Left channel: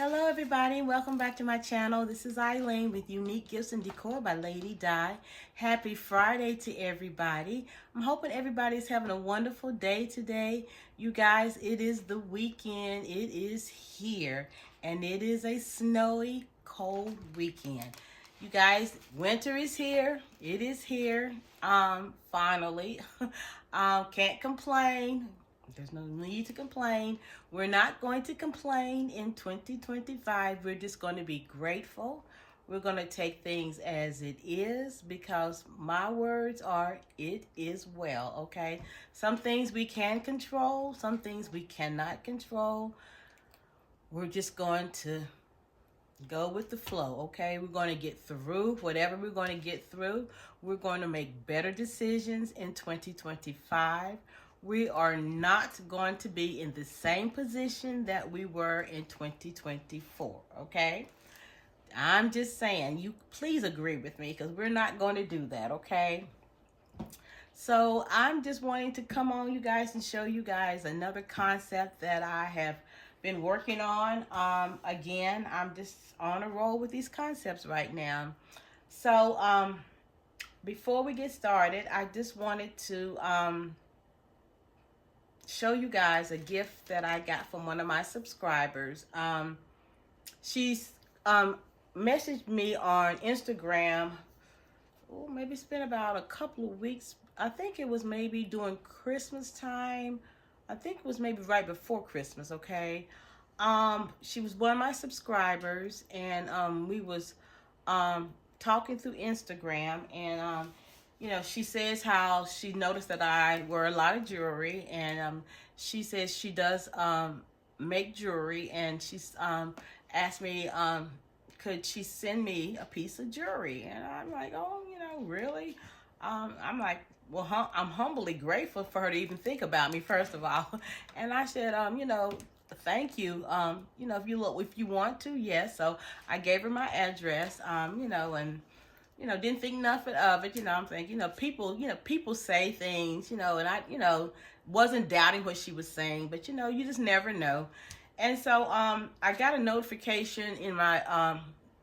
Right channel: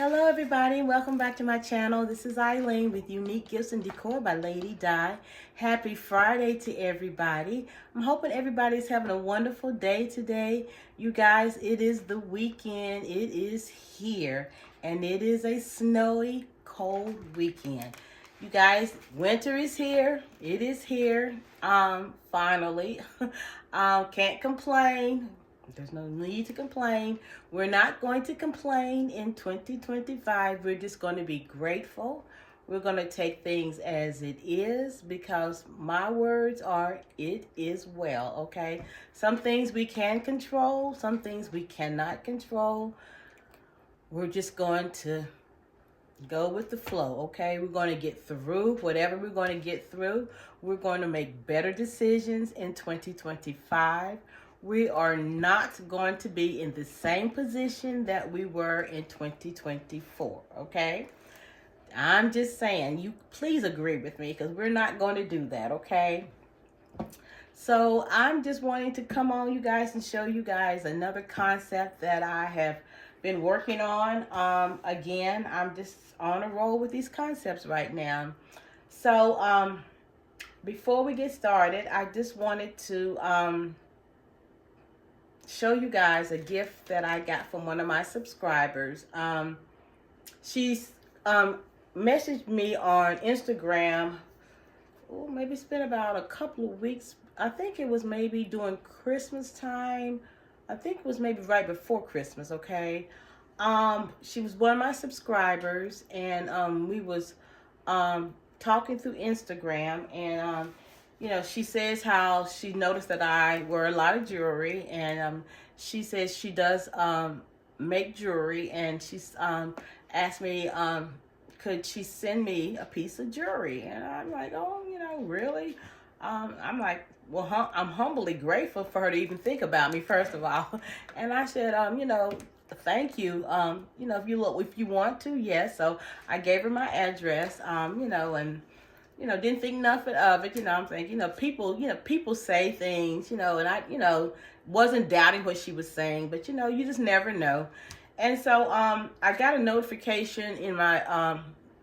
Hello everybody and welcome back to my channel. This is Eileen with Unique Gifts and Decor by Lady Di. Happy Friday to everybody. I'm hoping everybody's having a wonderful day today. You guys, it is the weekend. It is here and it is a snowy, cold weekend. You guys, winter is here. It is here. Finally. Can't complain. There's no need to complain. We're not going to complain in 2025. We're just going to be grateful. We're going to take things as it is because my words are, it is well, okay? Some things we can control, some things we cannot control. We're just going to go with the flow, okay? We're going to get through whatever we're going to get through. We're going to make better decisions in 2025. We are not going to be in the same position that we were in 2024, okay? I'm just saying, you please agree with me because we're not going to do that, okay? So I'm just wanting to come on, you guys, and show you guys another concept that I have been working on. Again, I'm just on a roll with these concepts right now. So before we get started, I just wanted to show you guys a gift that I got from one of my subscribers. She's messaged me on Instagram. Oh, maybe it's been about a couple of weeks. I think it was maybe during Christmas time. I think it was maybe right before Christmas, okay? She was one of my subscribers, and we was talking through Instagram, and you know, she says how she noticed that I wear a lot of jewelry, and she says she does make jewelry, and she's asked me, could she send me a piece of jewelry? And I'm like, oh, you know, really? I'm like, well, I'm humbly grateful for her to even think about me, first of all. And I said, you know, thank you. You know, if you want to, yes. So I gave her my address, you know, and you know, didn't think nothing of it. You know, I'm thinking, you know, people say things, you know, and I, you know, wasn't doubting what she was saying, but you know, you just never know. And so, I got a notification in my,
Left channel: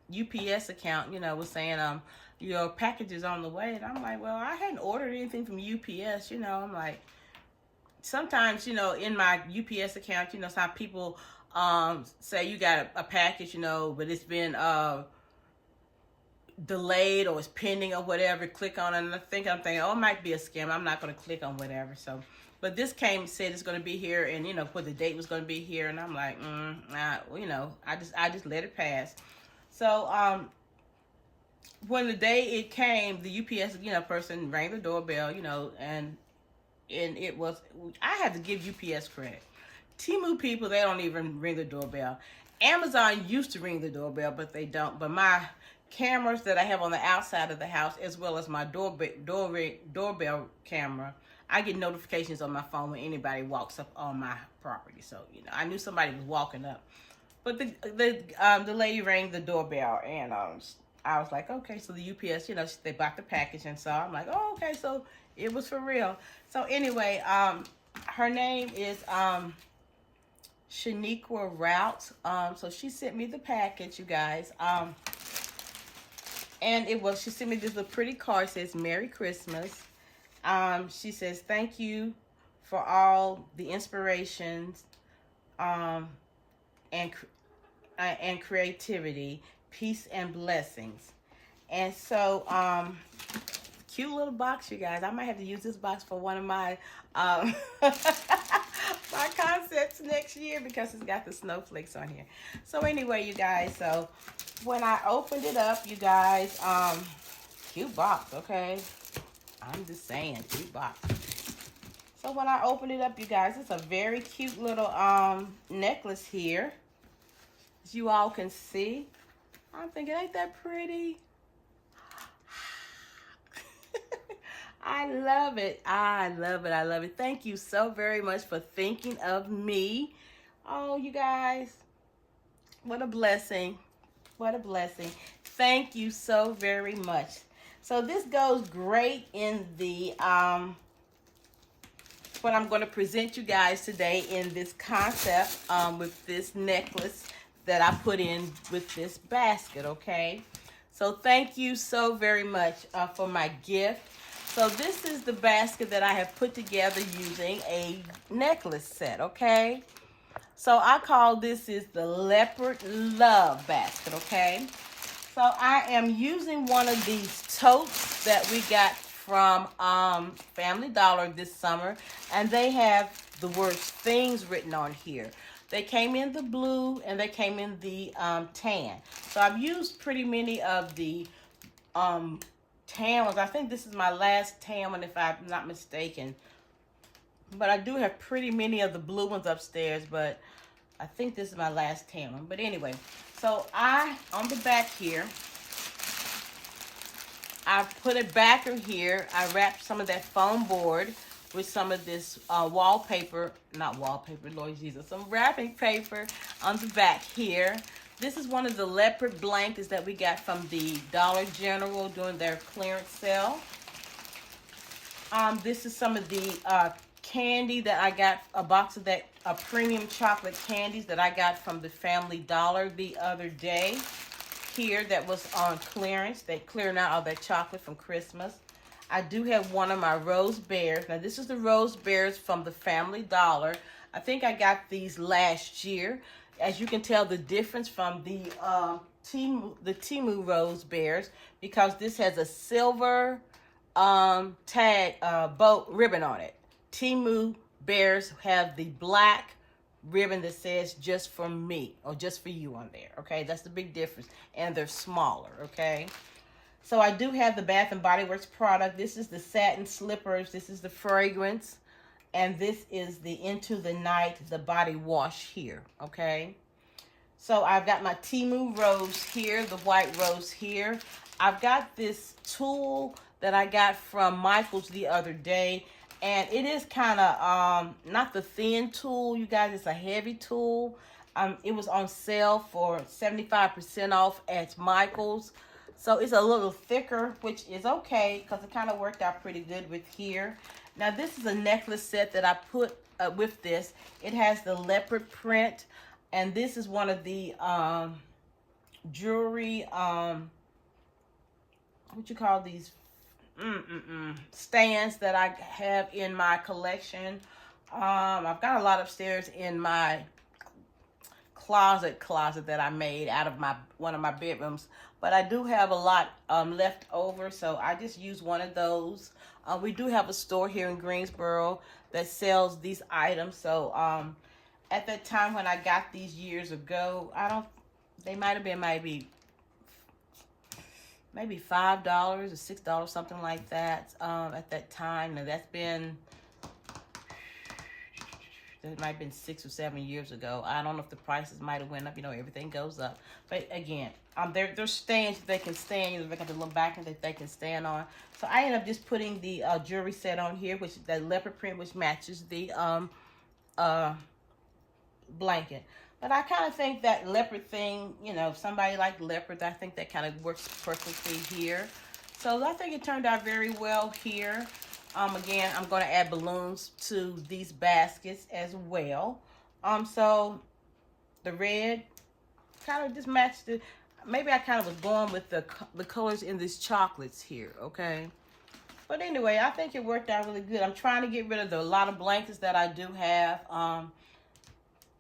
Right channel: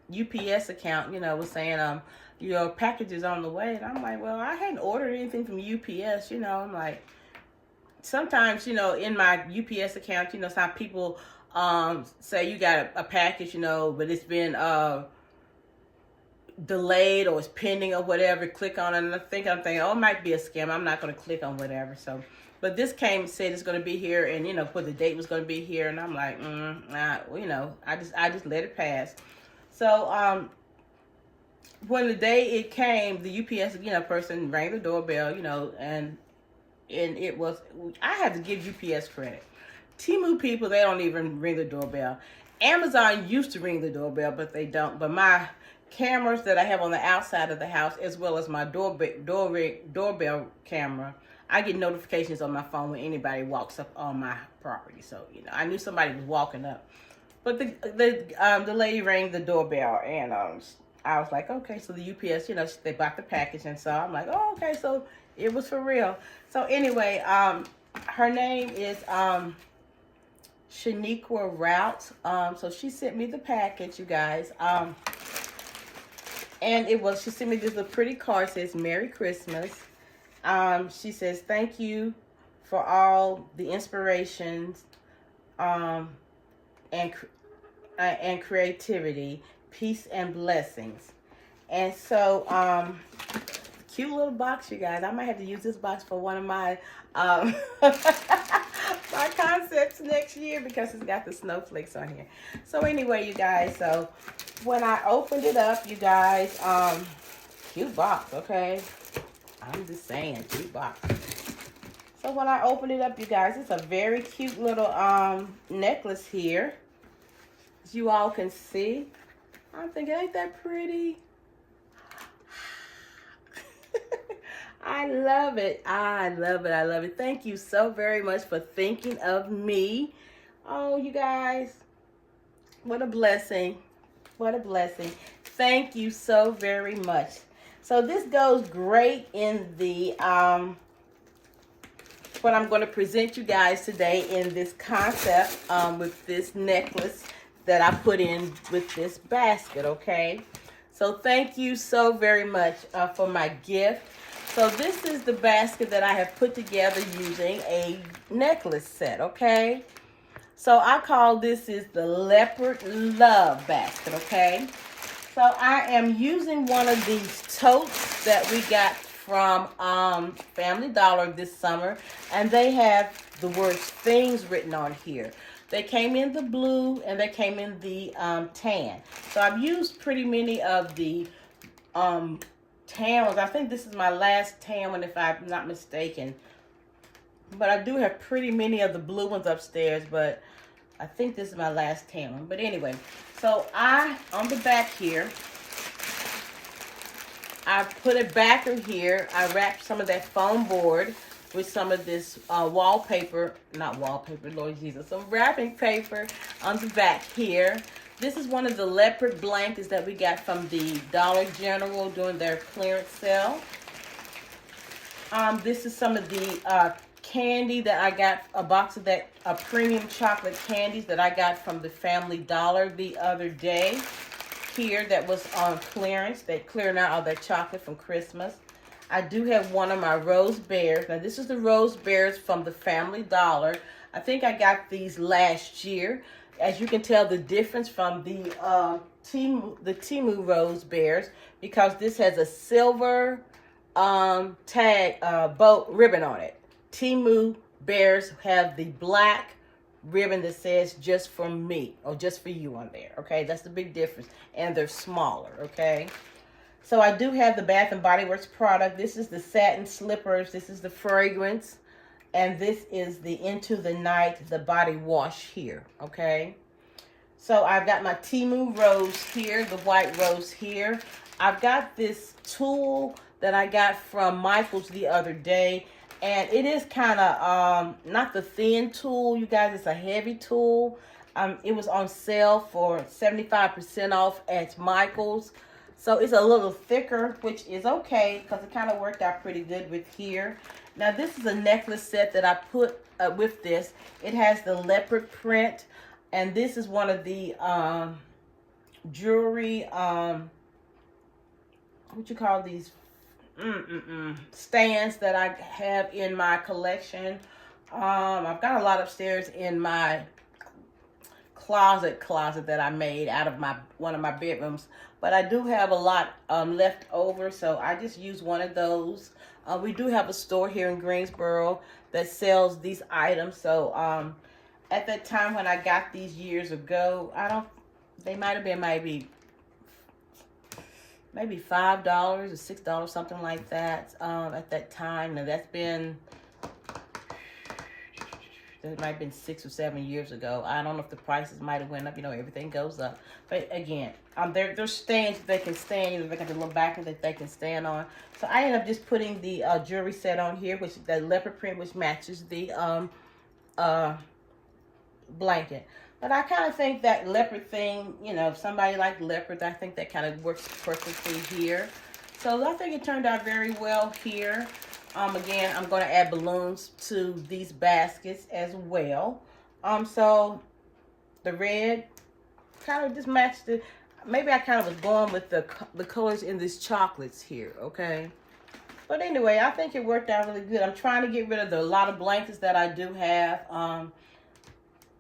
UPS account, you know, was saying, your package is on the way. And I'm like, well, I hadn't ordered anything from UPS, you know. I'm like, sometimes, you know, in my UPS account, you know, some people, say you got a package, you know, but it's been, delayed or it's pending or whatever, click on it, and I'm thinking, oh, it might be a scam. I'm not going to click on whatever. So, but this came and said it's going to be here, and you know what the date was going to be here, and I'm like, nah, you know, I just let it pass. So, when the day it came, the UPS, you know, person rang the doorbell, you know, and it was, I had to give UPS credit. Temu people, they don't even ring the doorbell. Amazon used to ring the doorbell, but they don't. But my cameras that I have on the outside of the house, as well as my doorbell camera, I get notifications on my phone when anybody walks up on my property. So, you know, I knew somebody was walking up. But the lady rang the doorbell, and I was like, okay, so the UPS, you know, they bought the package, and so I'm like, oh, okay, so it was for real. So anyway, her name is Shaniqua Route. So she sent me the package, you guys. And she sent me this little pretty card, says Merry Christmas. She says, thank you for all the inspirations and creativity, peace and blessings. And so, cute little box, you guys. I might have to use this box for one of my my concepts next year because it's got the snowflakes on here. So anyway, you guys, so when I opened it up, you guys, cute box, okay? I'm just saying, cute box. So when I opened it up, you guys, it's a very cute little necklace here. As you all can see. I'm thinking, ain't that pretty? I love it. I love it. I love it. Thank you so very much for thinking of me. Oh, you guys, what a blessing. What a blessing. Thank you so very much. So this goes great in the what I'm going to present you guys today in this concept with this necklace that I put in with this basket, okay? So thank you so very much for my gift. So this is the basket that I have put together using a necklace set, okay? So I call this is the Leopard Love basket, okay? So I am using one of these totes that we got from Family Dollar this summer, and they have the words things written on here. They came in the blue and they came in the tan. So I've used pretty many of the tan ones. I think this is my last tan one if I'm not mistaken. But I do have pretty many of the blue ones upstairs, but I think this is my last tan one. But anyway, so on the back here, I put a backer here. I wrapped some of that foam board with some of this wallpaper, not wallpaper, Lord Jesus, some wrapping paper on the back here. This is one of the leopard blankets that we got from the Dollar General during their clearance sale. This is some of the candy that I got, a box of that premium chocolate candies that I got from the Family Dollar the other day. Here that was on clearance. They clearing out all that chocolate from Christmas. I do have one of my rose bears. Now this is the rose bears from the Family Dollar. I think I got these last year. As you can tell the difference from the Temu rose bears, because this has a silver tag bow ribbon on it. Temu bears have the black ribbon that says just for me or just for you on there, okay? That's the big difference, and they're smaller, okay? So I do have the Bath and Body Works product. This is the satin slippers, this is the fragrance, and this is the Into the Night, the body wash here, okay? So I've got my Temu rose here, the white rose here. I've got this tool that I got from Michael's the other day. And it is kind of not the thin tool, you guys. It's a heavy tool. It was on sale for 75% off at Michael's. So it's a little thicker, which is okay because it kind of worked out pretty good with here. Now this is a necklace set that I put with this. It has the leopard print. And this is one of the jewelry, what you call these? Stands that I have in my collection. I've got a lot upstairs in my closet that I made out of one of my bedrooms, but I do have a lot left over, so I just use one of those. We do have a store here in Greensboro that sells these items. So at that time when I got these years ago, they might have been maybe $5 or $6, something like that, at that time. Now that might have been 6 or 7 years ago. I don't know if the prices might have went up. You know, everything goes up. But again, there's stands that they can stand. They got the little backer that they can stand on. So I ended up just putting the jewelry set on here, which is the leopard print, which matches the blanket. But I kind of think that leopard thing, you know, if somebody like leopard, I think that kind of works perfectly here. So I think it turned out very well here. Again, I'm going to add balloons to these baskets as well. So the red kind of just matched the, maybe I kind of was going with the colors in these chocolates here, okay? But anyway, I think it worked out really good. I'm trying to get rid of a lot of blankets that I do have.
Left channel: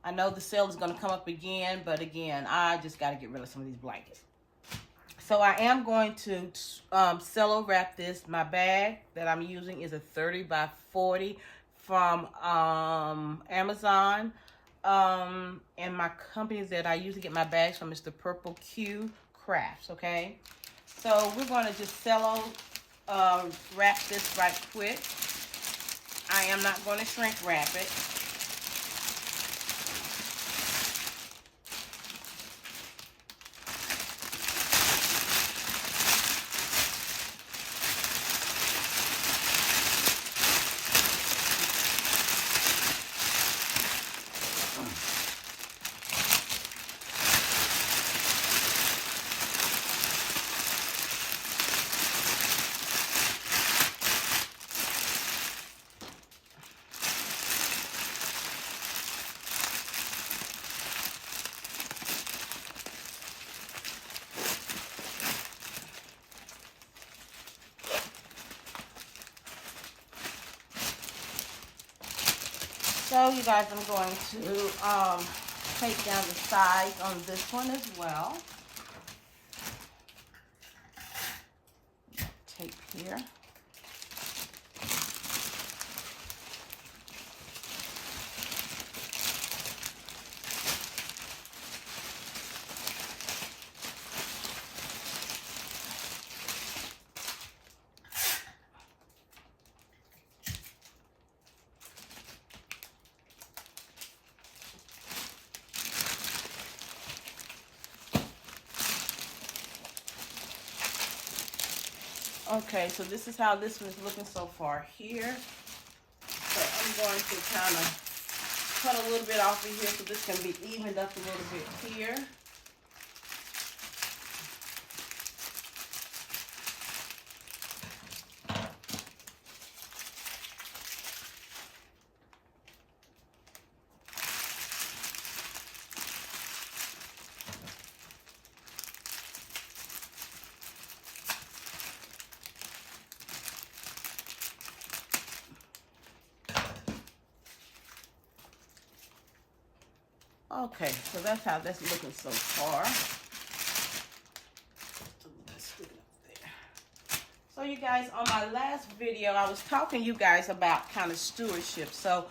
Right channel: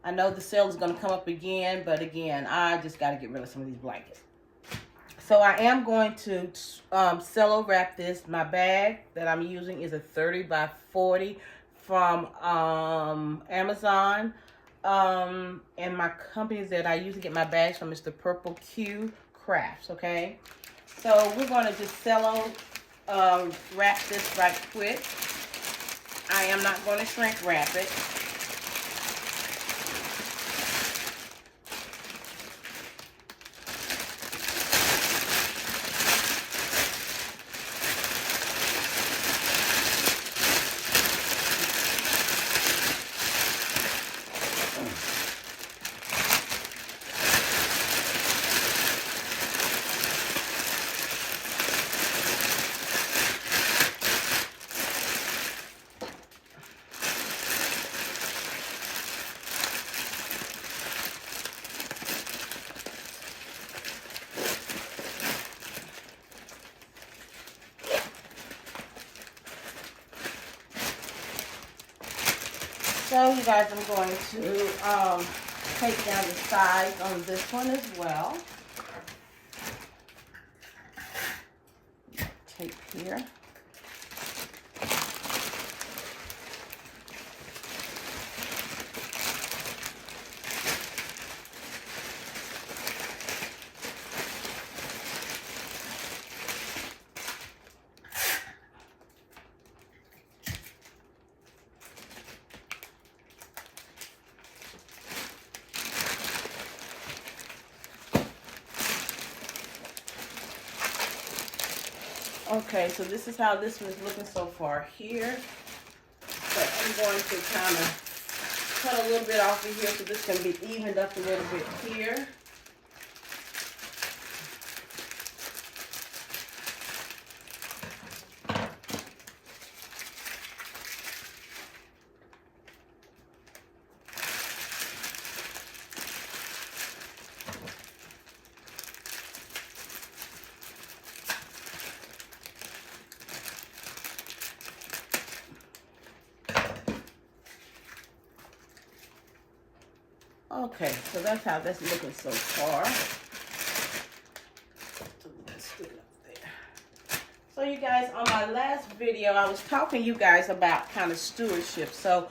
I know the sale is going to come up again, but again, I just got to get rid of some of these blankets. So I am going to cello wrap this. My bag that I'm using is a 30 by 40 from Amazon. And my company that I usually get my bags from is the Purple Q Crafts, okay? So we're going to just cello wrap this right quick. I am not going to shrink wrap it. So you guys, I'm going to take down the sides on this one as well. Tape here. Okay, so this is how this one is looking so far here. But I'm going to kind of cut a little bit off of here so this can be evened up a little bit here. Okay, so that's how that's looking so far. So you guys, on my last video, I was talking to you guys about kind of stewardship. So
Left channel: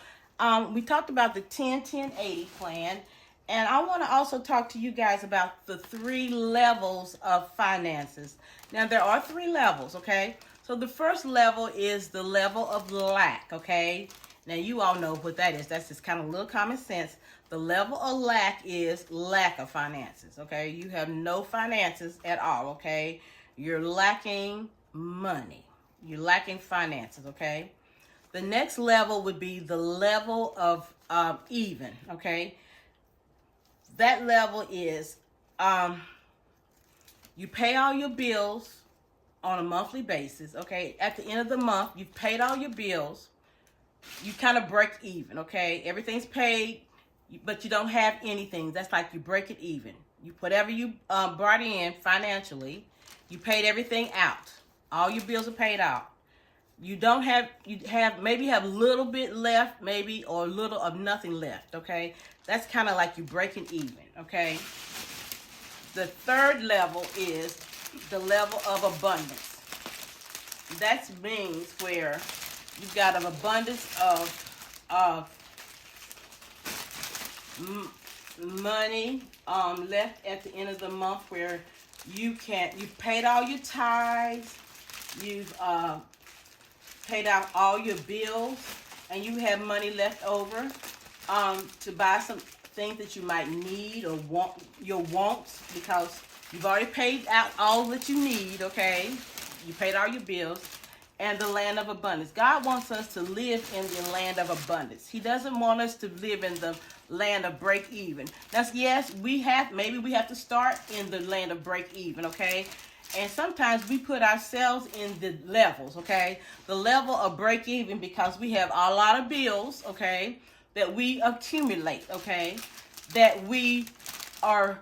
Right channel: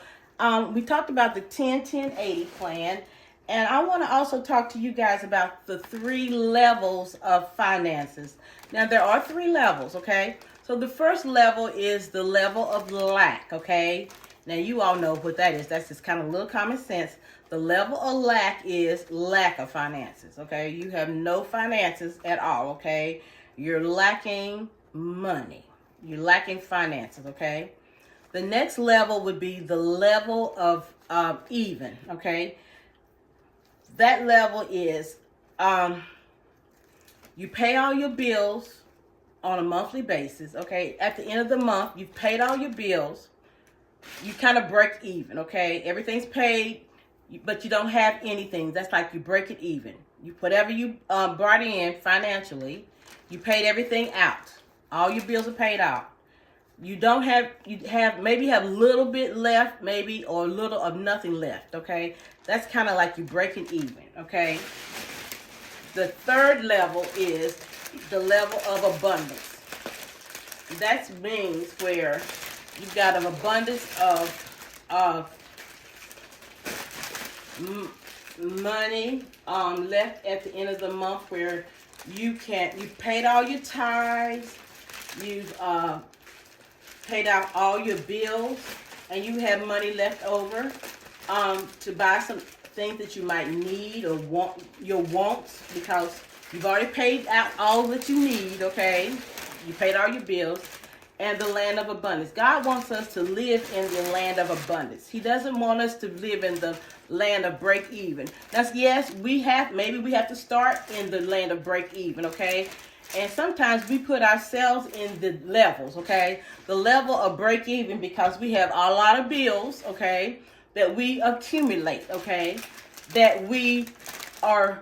we talked about the 10-10-80 plan. And I want to also talk to you guys about the 3 levels of finances. Now, there are 3 levels, okay? So the first level is the level of lack, okay? Now, you all know what that is. That's just kind of a little common sense. The level of lack is lack of finances, okay? You have no finances at all, okay? You're lacking money. You're lacking finances, okay? The next level would be the level of even, okay? That level is you pay all your bills on a monthly basis, okay? At the end of the month, you've paid all your bills. You kind of break even, okay? Everything's paid, but you don't have anything. That's like you break it even. You whatever you brought in financially, you paid everything out. All your bills are paid out. You don't have, maybe have a little bit left, maybe, or a little of nothing left, okay? That's kind of like you breaking even, okay? The third level is the level of abundance. That means where you've got an abundance of money left at the end of the month, where you've paid all your tithes, you've paid out all your bills, and you have money left over to buy some things that you might need or want, your wants, because you've already paid out all that you need, okay? You paid all your bills. And the land of abundance. God wants us to live in the land of abundance. He doesn't want us to live in the land of break even. Now, yes, maybe we have to start in the land of break even, okay? And sometimes we put ourselves in the levels, okay? The level of break even, because we have a lot of bills, okay, that we accumulate, okay? That we are,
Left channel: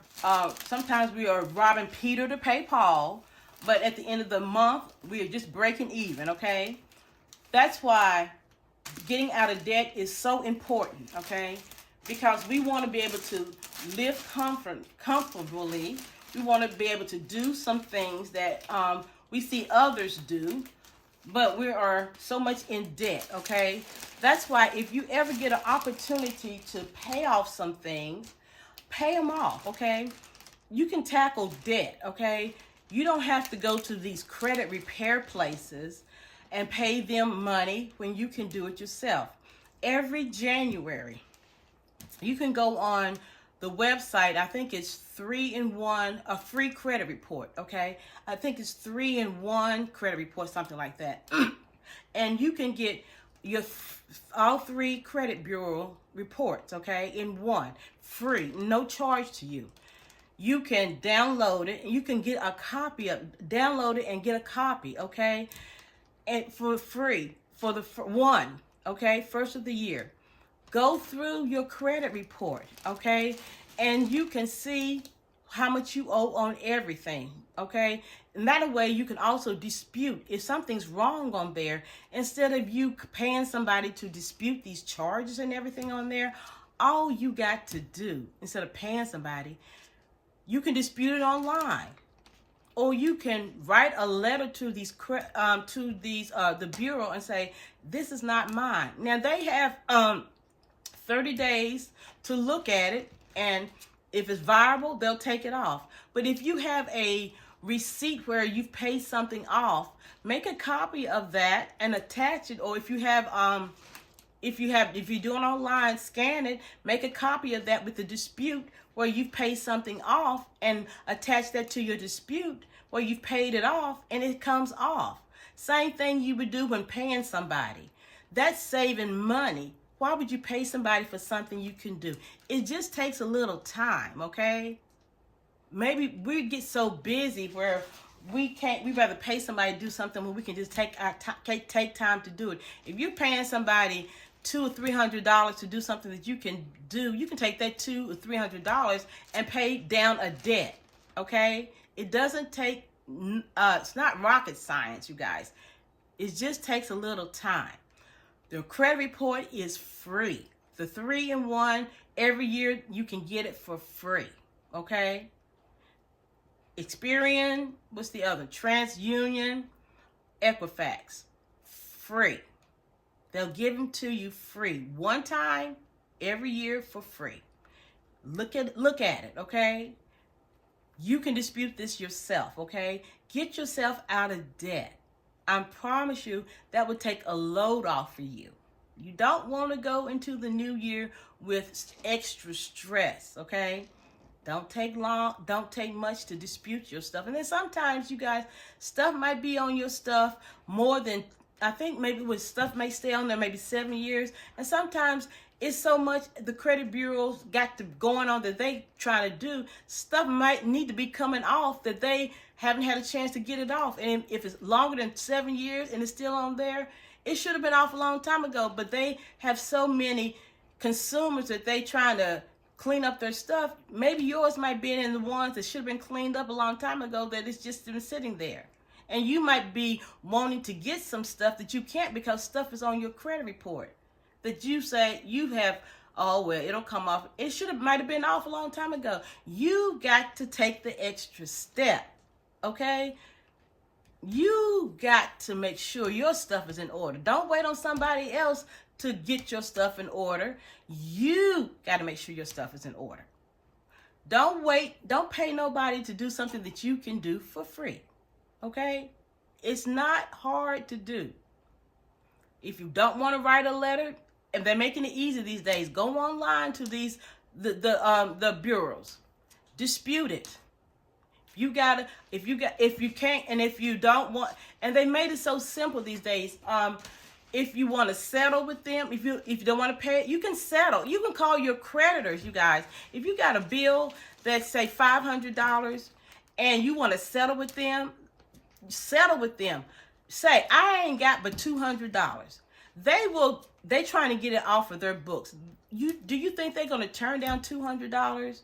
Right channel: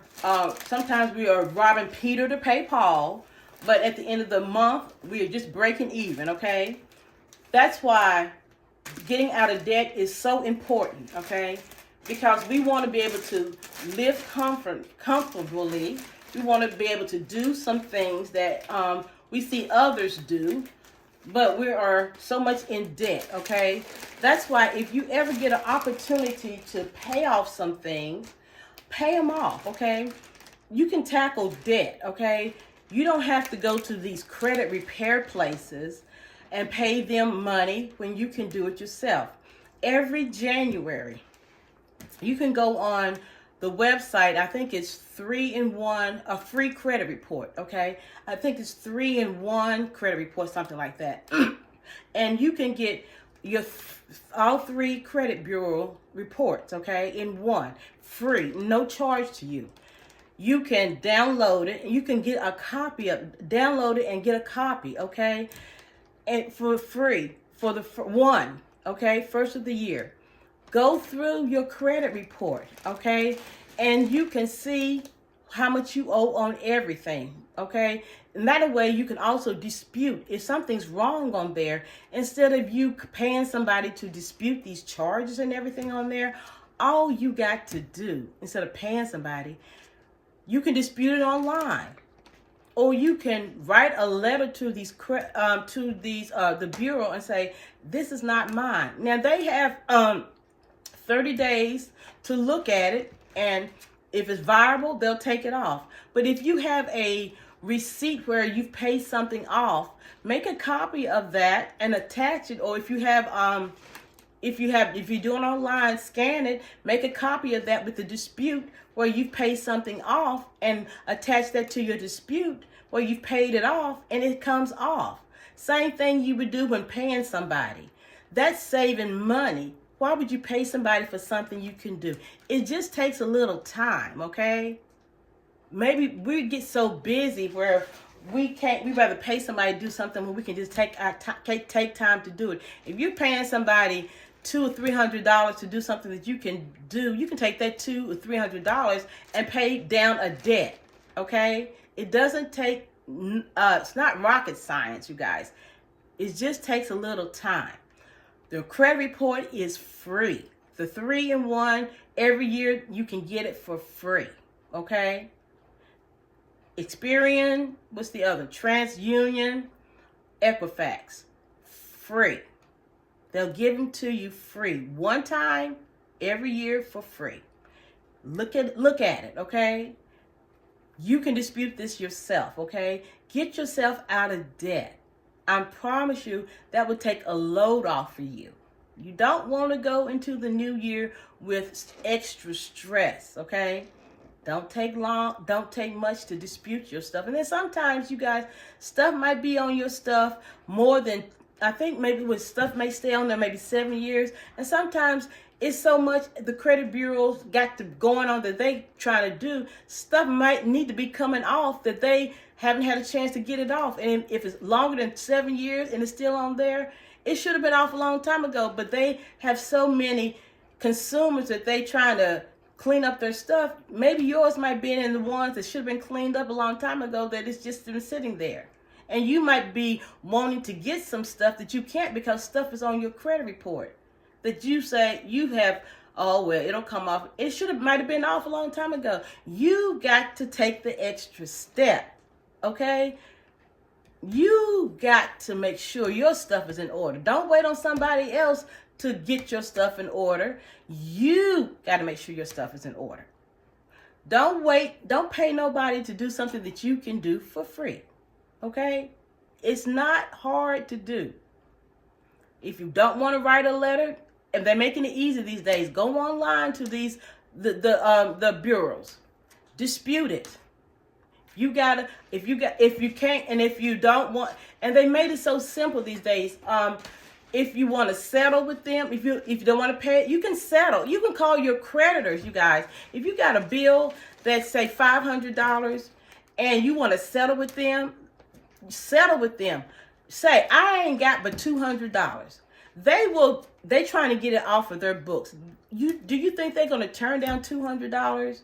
sometimes we are robbing Peter to pay Paul. But at the end of the month, we are just breaking even, okay? That's why getting out of debt is so important, okay? Because we want to be able to live comfortably. We want to be able to do some things that we see others do, but we are so much in debt, okay? That's why if you ever get an opportunity to pay off some things, pay them off, okay? You can tackle debt, okay? You don't have to go to these credit repair places and pay them money when you can do it yourself. Every January, you can go on the website. I think it's 3-in-1, a free credit report, okay? I think it's 3-in-1 credit report, something like that. And you can get your all 3 credit bureau reports, okay, in one, free, no charge to you. You can download it, and you can get a copy of download it and get a copy, okay? And for free, for the one, okay, first of the year. Go through your credit report, okay? And you can see how much you owe on everything, okay? And that way you can also dispute if something's wrong on there. Instead of you paying somebody to dispute these charges and everything on there, all you got to do, instead of paying somebody, you can dispute it online. Or you can write a letter to the bureau and say, this is not mine. Now they have 30 days to look at it, and if it's viable, they'll take it off. But if you have a receipt where you've paid something off, make a copy of that and attach it. Or if you're doing online, scan it, make a copy of that with the dispute where you've paid something off, and attach that to your dispute where you've paid it off, and it comes off. Same thing you would do when paying somebody. That's saving money. Why would you pay somebody for something you can do? It just takes a little time, okay? Maybe we get so busy where we'd rather pay somebody to do something when we can just take time to do it. If you're paying somebody $200 or $300 to do something that you can do, you can take that $200 or $300 and pay down a debt, okay? It doesn't take, it's not rocket science, you guys. It just takes a little time. The credit report is free. The 3-in-1, every year you can get it for free, okay? Experian, what's the other? TransUnion, Equifax, free. They'll give them to you free. One time, every year for free. Look at it, okay? You can dispute this yourself, okay? Get yourself out of debt. I promise you that would take a load off for you. You don't want to go into the new year with extra stress, okay? Don't take much to dispute your stuff. And then sometimes, you guys, stuff might be on your stuff more than, I think maybe with stuff may stay on there maybe 7 years. And sometimes it's so much the credit bureaus got to going on that they trying to do. Stuff might need to be coming off that they haven't had a chance to get it off. And if it's longer than 7 years and it's still on there, it should have been off a long time ago. But they have so many consumers that they trying to clean up their stuff. Maybe yours might be in the ones that should have been cleaned up a long time ago that it's just been sitting there. And you might be wanting to get some stuff that you can't because stuff is on your credit report that you say you have, oh, well, it'll come off. It might have been off a long time ago. You got to take the extra step, okay? You got to make sure your stuff is in order. Don't wait on somebody else to get your stuff in order. You got to make sure your stuff is in order. Don't wait. Don't pay nobody to do something that you can do for free, okay? It's not hard to do. If you don't want to write a letter, and they're making it easy these days, go online to the bureaus, dispute it. If you can't, and if you don't want, and they made it so simple these days. If you want to settle with them, if you don't want to pay it, you can settle. You can call your creditors, you guys. If you got a bill that's say $500 and you want to settle with them, settle with them. Say, I ain't got but $200. They trying to get it off of their books. Do you think they're going to turn down $200?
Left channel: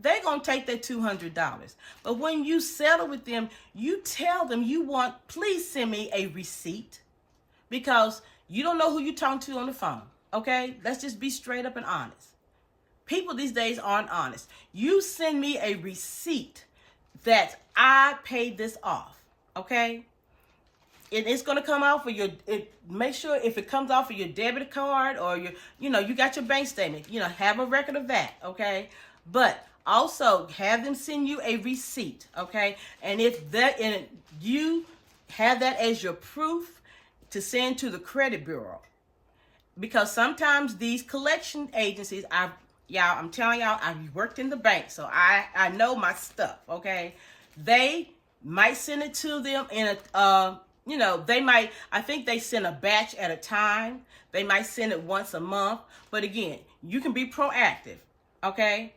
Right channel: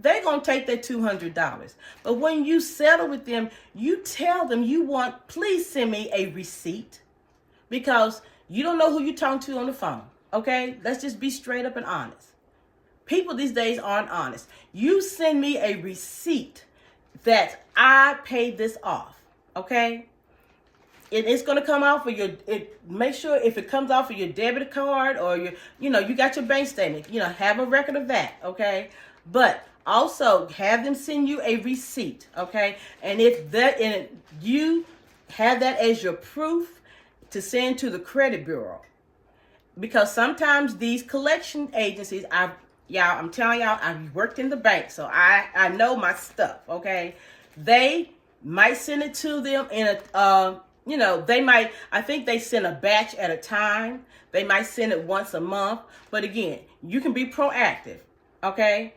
They're going to take that $200. But when you settle with them, you tell them please send me a receipt, because you don't know who you're talking to on the phone, okay? Let's just be straight up and honest. People these days aren't honest. You send me a receipt that I paid this off, okay? It's going to come off of make sure if it comes off of your debit card or you got your bank statement, have a record of that, okay? But also have them send you a receipt, okay? And you have that as your proof to send to the credit bureau. Because sometimes these collection agencies, I'm telling y'all, I've worked in the bank, so I know my stuff, okay? They might send it to them in I think they send a batch at a time. They might send it once a month. But again, you can be proactive, okay?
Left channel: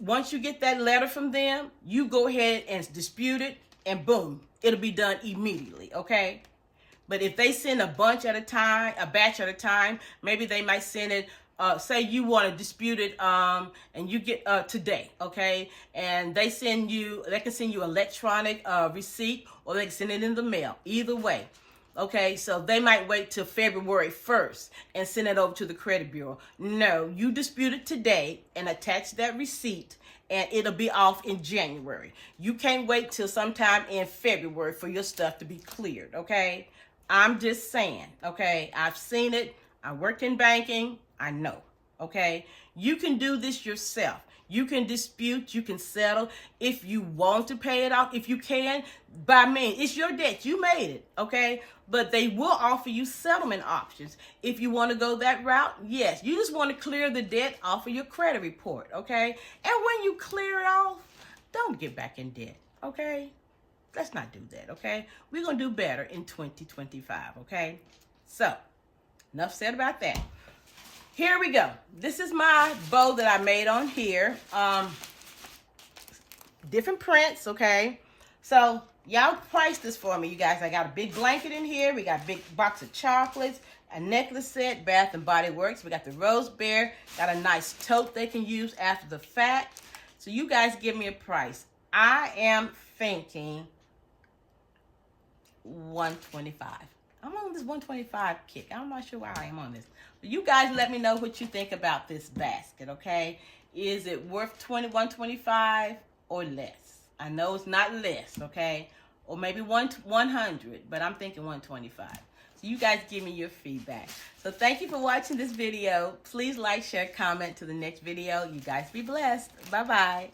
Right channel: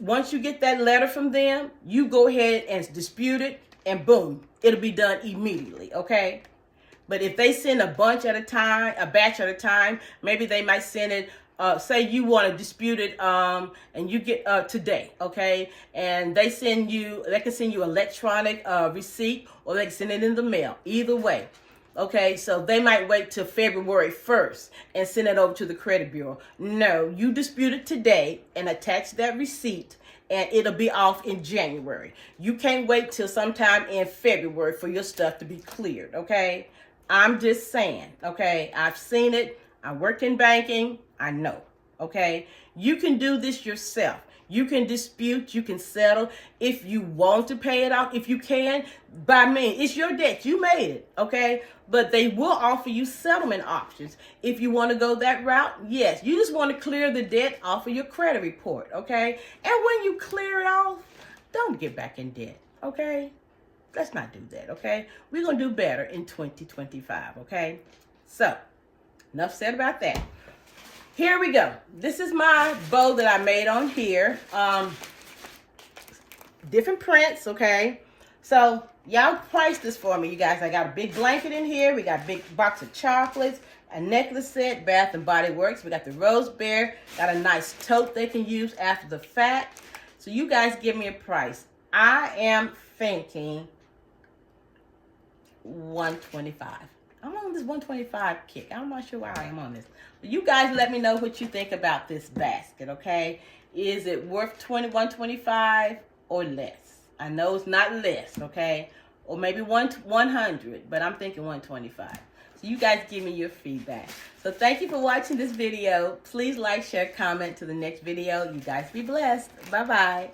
Once you get that letter from them, you go ahead and dispute it, and boom, it'll be done immediately, okay? But if they send a batch at a time, maybe they might send it say you want to dispute it, and you get today, okay, and they can send you electronic receipt, or they can send it in the mail. Either way, okay. So they might wait till February 1st and send it over to the credit bureau. No, you dispute it today and attach that receipt, and it'll be off in January. You can't wait till sometime in February for your stuff to be cleared, okay? I'm just saying, okay? I've seen it. I work in banking. I know, okay? You can do this yourself. You can dispute, you can settle. If you want to pay it off, if you can, by me, it's your debt. You made it, okay? But they will offer you settlement options. If you want to go that route, yes. You just want to clear the debt off of your credit report, okay? And when you clear it off, don't get back in debt, okay? Let's not do that, okay? We're going to do better in 2025, okay? So, enough said about that. Here we go. This is my bow that I made on here. Different prints, okay? So, y'all price this for me, you guys. I got a big blanket in here. We got a big box of chocolates, a necklace set, Bath and Body Works. We got the Rose Bear. Got a nice tote they can use after the fact. So, you guys give me a price. I am thinking $125. I'm on this 125 kick. I'm not sure why I am on this. But you guys let me know what you think about this basket, okay? Is it worth $125 or less? I know it's not less, okay? Or maybe 100, but I'm thinking 125. So you guys give me your feedback. So thank you for watching this video. Please like, share, comment to the next video. You guys be blessed. Bye-bye.